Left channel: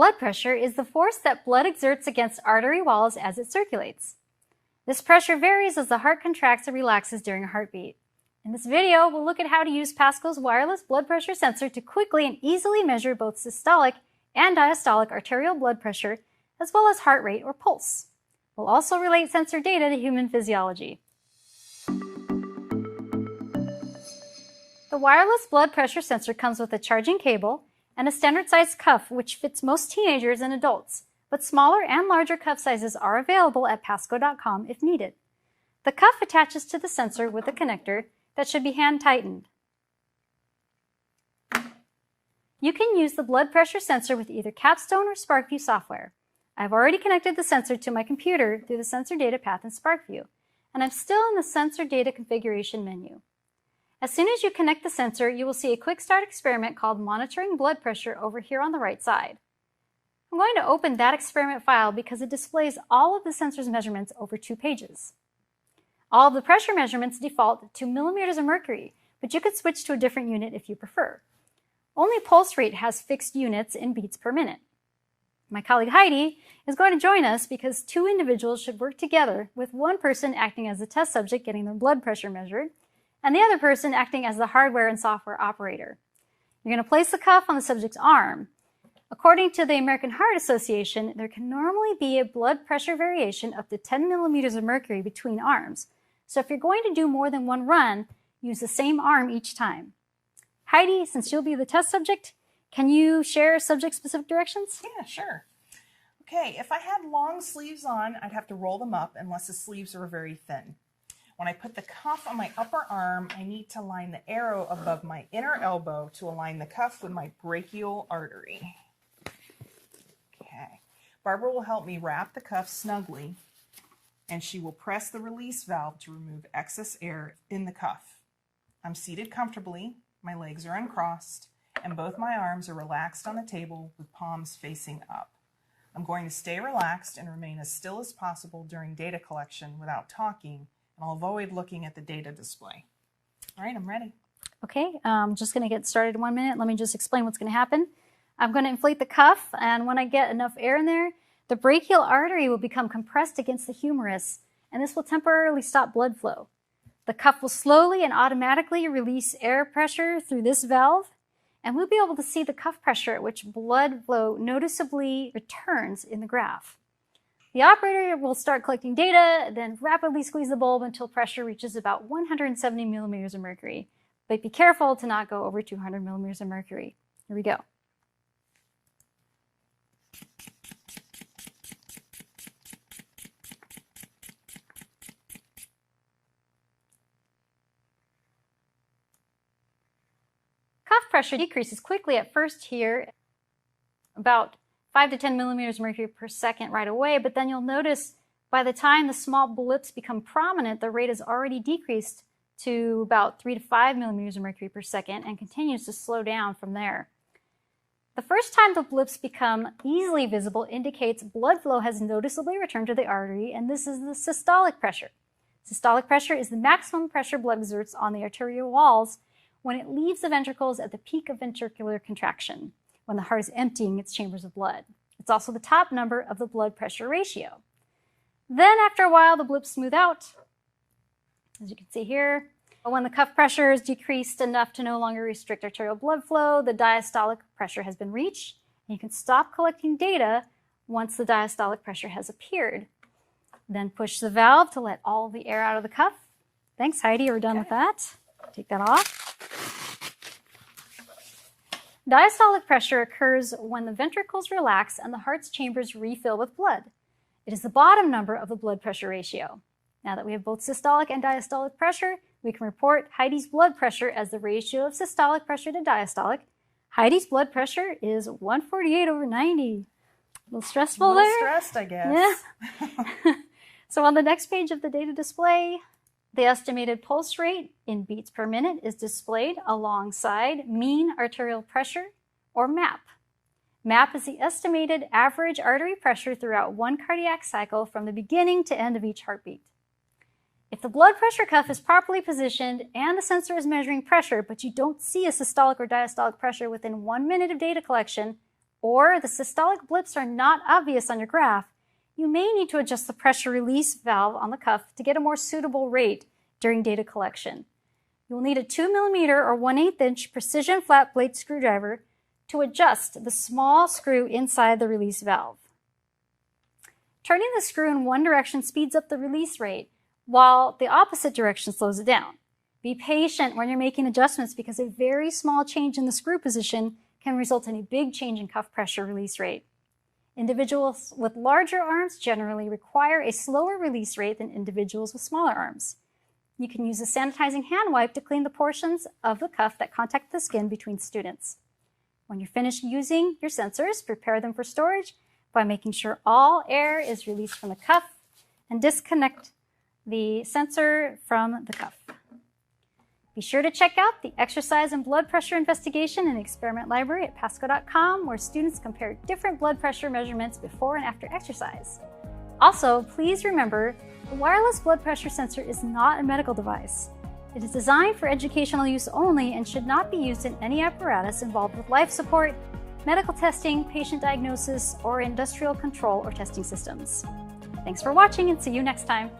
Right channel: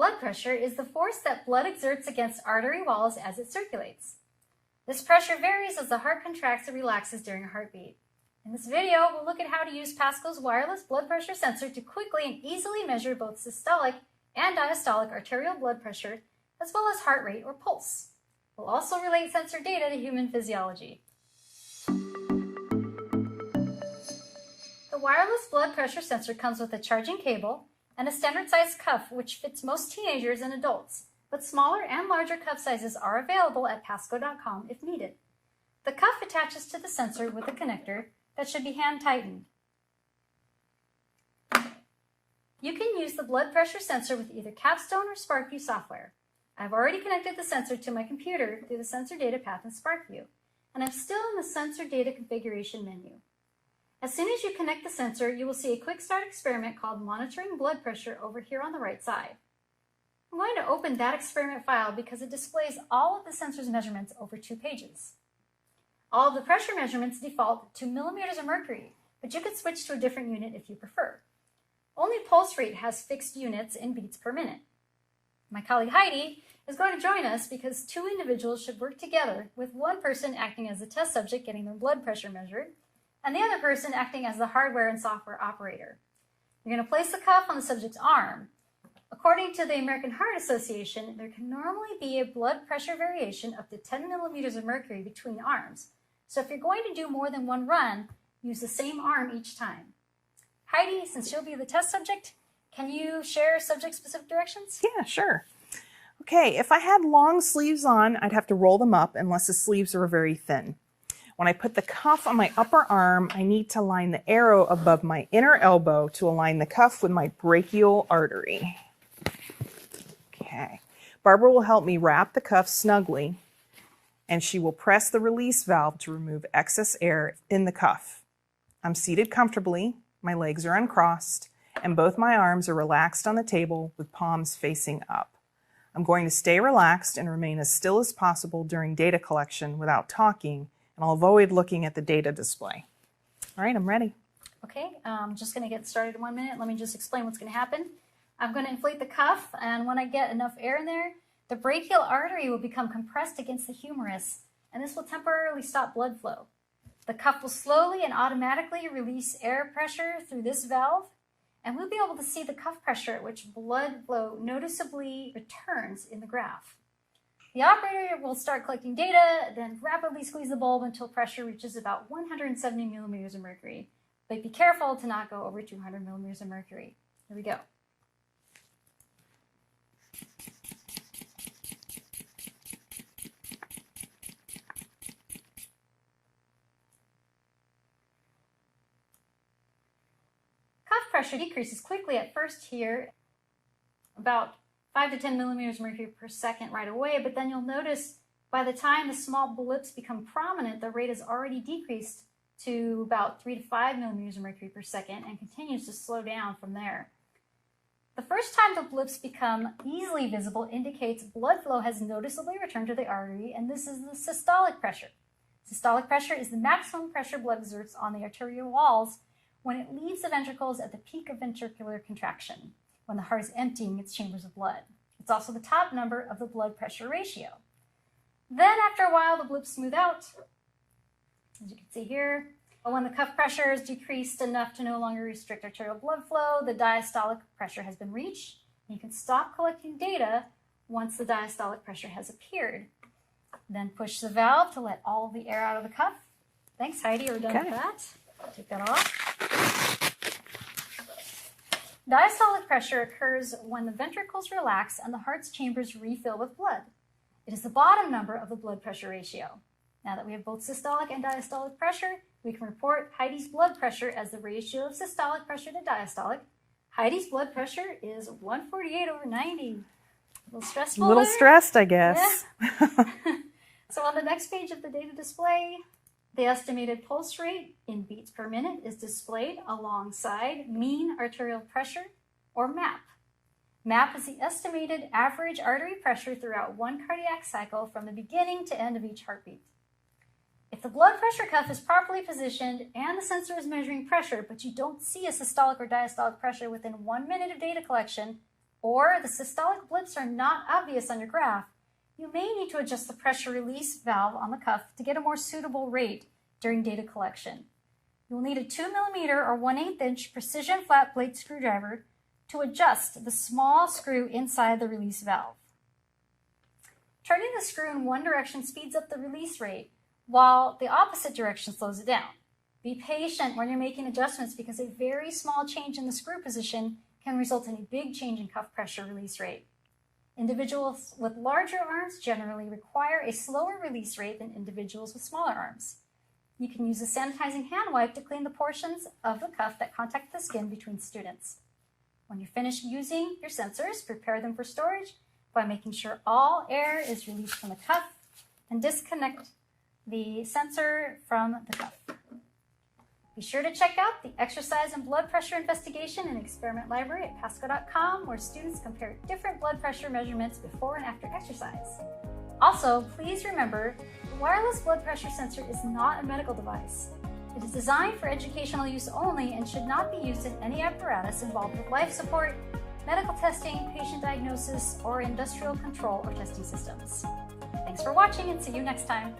Blood pressure is the force that blood exerts against artery walls as it circulates. This pressure varies as the heart contracts and relaxes during a heartbeat. In this video, we'll look at how to use Pasco's wireless blood pressure sensor to quickly and easily measure both systolic and diastolic arterial blood pressure, as well as heart rate or pulse. We'll also relate sensor data to human physiology. The wireless blood pressure sensor comes with a charging cable and a standard-sized cuff which fits most teenagers and adults, but smaller and larger cuff sizes are available at pasco.com if needed. The cuff attaches to the sensor with a connector that should be hand-tightened. You can use the blood pressure sensor with either Capstone or SparkView software. I've already connected the sensor to my computer through the sensor data path in SparkView, and I'm still in the sensor data configuration menu. As soon as you connect the sensor, you will see a quick start experiment called Monitoring Blood Pressure over here on the right side. I'm going to open that experiment file because it displays all of the sensor's measurements over 2 pages. All of the pressure measurements default to millimeters of mercury, but you could switch to a different unit if you prefer. Only pulse rate has fixed units in beats per minute. My colleague Heidi is going to join us because 2 individuals should work together, with one person acting as the test subject getting their blood pressure measured, and the other person acting as the hardware and software operator. You're going to place the cuff on the subject's arm. According to the American Heart Association, there can normally be a blood pressure variation up to 10 millimeters of mercury between arms. So if you're going to do more than one run, use the same arm each time. Heidi, since you'll be the test subject, can you share subject-specific directions? Yeah, sure. Okay, if I had long sleeves on, I'd have to roll them up unless the sleeves are very thin. When I put the cuff on my upper arm, I need to line the arrow above my inner elbow to align the cuff with my brachial artery. Okay, Barbara will help me wrap the cuff snugly, and she will press the release valve to remove excess air in the cuff. I'm seated comfortably, my legs are uncrossed, and both my arms are relaxed on the table with palms facing up. I'm going to stay relaxed and remain as still as possible during data collection without talking, and I'll avoid looking at the data display. All right, I'm ready. Okay, I'm just going to get started in 1 minute. Let me just explain what's going to happen. I'm going to inflate the cuff, and when I get enough air in there, the brachial artery will become compressed against the humerus, and this will temporarily stop blood flow. The cuff will slowly and automatically release air pressure through this valve, and we'll be able to see the cuff pressure at which blood flow noticeably returns in the graph. The operator will start collecting data, then rapidly squeeze the bulb until pressure reaches about 170 millimeters of mercury. But be careful to not go over 200 millimeters of mercury. Here we go. Cuff pressure decreases quickly at first here, about 5 to 10 millimeters of mercury per second right away, but then you'll notice by the time the small blips become prominent, the rate has already decreased to about 3 to 5 millimeters of mercury per second and continues to slow down from there. The first time the blips become easily visible indicates blood flow has noticeably returned to the artery, and this is the systolic pressure. Systolic pressure is the maximum pressure blood exerts on the arterial walls when it leaves the ventricles at the peak of ventricular contraction, when the heart is emptying its chambers of blood. It's also the top number of the blood pressure ratio. Then after a while, the blips smooth out, as you can see here. When the cuff pressure is decreased enough to no longer restrict arterial blood flow, the diastolic pressure has been reached, and you can stop collecting data once the diastolic pressure has appeared. Then push the valve to let all the air out of the cuff. Thanks, Heidi, we're done with that. Take that off. Diastolic pressure occurs when the ventricles relax and the heart's chambers refill with blood. It is the bottom number of the blood pressure ratio. Now that we have both systolic and diastolic pressure, we can report Heidi's blood pressure as the ratio of systolic pressure to diastolic. Heidi's blood pressure is 148/90. A little stressful A little there? stressed, I guess. Yeah. So on the next page of the data display, the estimated pulse rate in beats per minute is displayed alongside mean arterial pressure, or MAP. MAP is the estimated average artery pressure throughout one cardiac cycle from the beginning to end of each heartbeat. If the blood pressure cuff is properly positioned and the sensor is measuring pressure, but you don't see a systolic or diastolic pressure within 1 minute of data collection, or the systolic blips are not obvious on your graph, you may need to adjust the pressure release valve on the cuff to get a more suitable rate during data collection. You will need a 2mm or 1/8 inch precision flat blade screwdriver to adjust the small screw inside the release valve. Turning the screw in one direction speeds up the release rate, while the opposite direction slows it down. Be patient when you're making adjustments because a very small change in the screw position can result in a big change in cuff pressure release rate. Individuals with larger arms generally require a slower release rate than individuals with smaller arms. You can use a sanitizing hand wipe to clean the portions of the cuff that contact the skin between students. When you're finished using your sensors, prepare them for storage by making sure all air is released from the cuff and disconnect the sensor from the cuff. Be sure to check out the Exercise and Blood Pressure Investigation and Experiment Library at pasco.com, where students compare different blood pressure measurements before and after exercise. Also, please remember, the wireless blood pressure sensor is not a medical device. It is designed for educational use only and should not be used in any apparatus involved with life support, medical testing, patient diagnosis, or industrial control or testing systems. Thanks for watching and see you next time.